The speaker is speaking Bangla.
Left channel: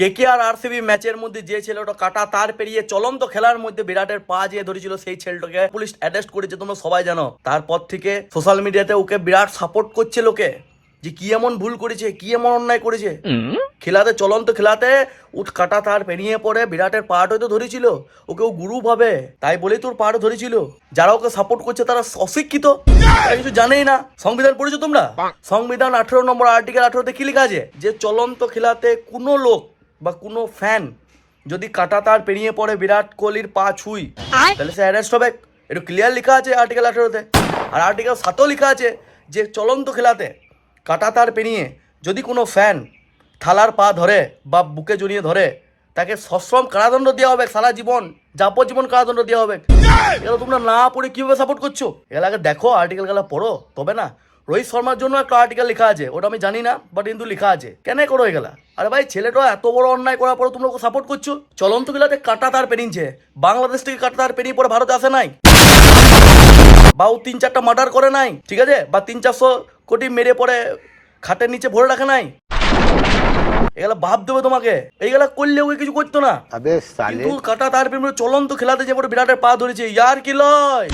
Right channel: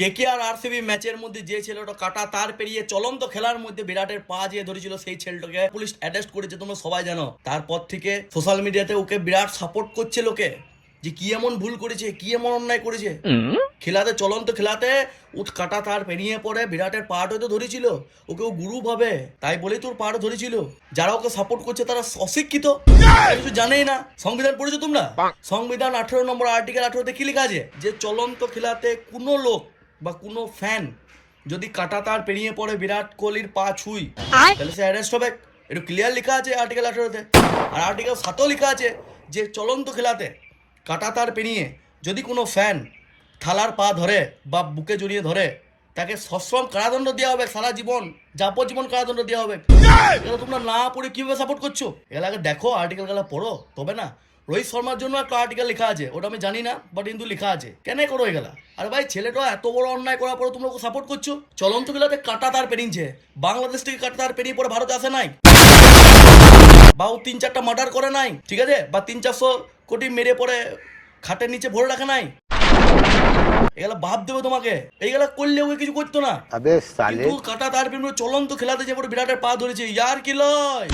কেকেআর আরসিবি ম্যাচের মধ্যে যে ছেলেটা কাটা তার পেরিয়ে চলন্ত খেলার মধ্যে বিরাটের পা যে ধরেছিল সেই ছেলেটাকে পুলিশ অ্যারেস্ট করেছে, তোমরা সবাই জানো। তারপর থেকে সোশ্যাল মিডিয়াতে ওকে বিরাট সাপোর্ট করছে লোকে, যে কি এমন ভুল করেছে, কি এমন অন্যায় করেছে। খেলাতে চলন্ত খেলাতে উঠ কাটা তার পেরিয়ে পড়ে বিরাটের পাট হয়তো ধরেছিল, ওকে ও গুরু ভাবে, তাই বলেই তোর পাট ধরেছিল। যারা ওকে সাপোর্ট করছে তারা অশিক্ষিত, কিছু জানেই না। সংবিধান পড়েছো তোমরা? সংবিধান 18 নম্বর আর্টিকেল 18-তে কি লেখা আছে, যে চলন্ত খেলাতে কোনো লোক বা কোনো ফ্যান যদি কাটা তার পেরিয়ে পড়ে বিরাট কোহলির পা ছুঁই, তাহলে সে অ্যারেস্ট হবে। একটু ক্লিয়ার লেখা আছে আর্টিকেল 18-তে। আর আর্টিকেল 7-ও লেখা আছে যে চলন্ত খেলাতে কাটা তার পেরিয়ে যদি কোনো ফ্যান থালার পা ধরে বা বুকে জড়িয়ে ধরে, তাকে সশ্রম কারাদণ্ড দেওয়া হবে, সারা জীবন যাবজ্জীবন কারাদণ্ড দেওয়া হবে। এগুলো তোমরা না পড়ে কিভাবে সাপোর্ট করছো? এগুলো আগে দেখো, আর্টিকেল গুলো পড়ো, তবে না। রোহিত শর্মার জন্য একটা আর্টিকেল লেখা আছে, ওটা আমি জানি না, বাট কিন্তু লেখা আছে। কেন করো এগুলা? আরে ভাই, ছেলেটা এত বড় অন্যায় করার পরে তোমরা ওকে সাপোর্ট করছো। চলন্ত খেলাতে কাটা তার পেরিয়েছে, বাংলাদেশ থেকে কাটা তার পেরিয়ে পরে ভারতে আসে নাই, বা ও 3-4টা মার্ডার করে নাই, ঠিক আছে, বা 300-400 কোটি মেরে পরে খাটের নিচে ভরে রাখে নাই। এগুলা ভাব দেবে তোমাকে, এইগুলা করলে ওই কিছু করতো না। কাটা তার পেরিয়ে চলন্ত খেলাতে যে বিরাটের পা ধরেছে, ইয়ার কি লয়।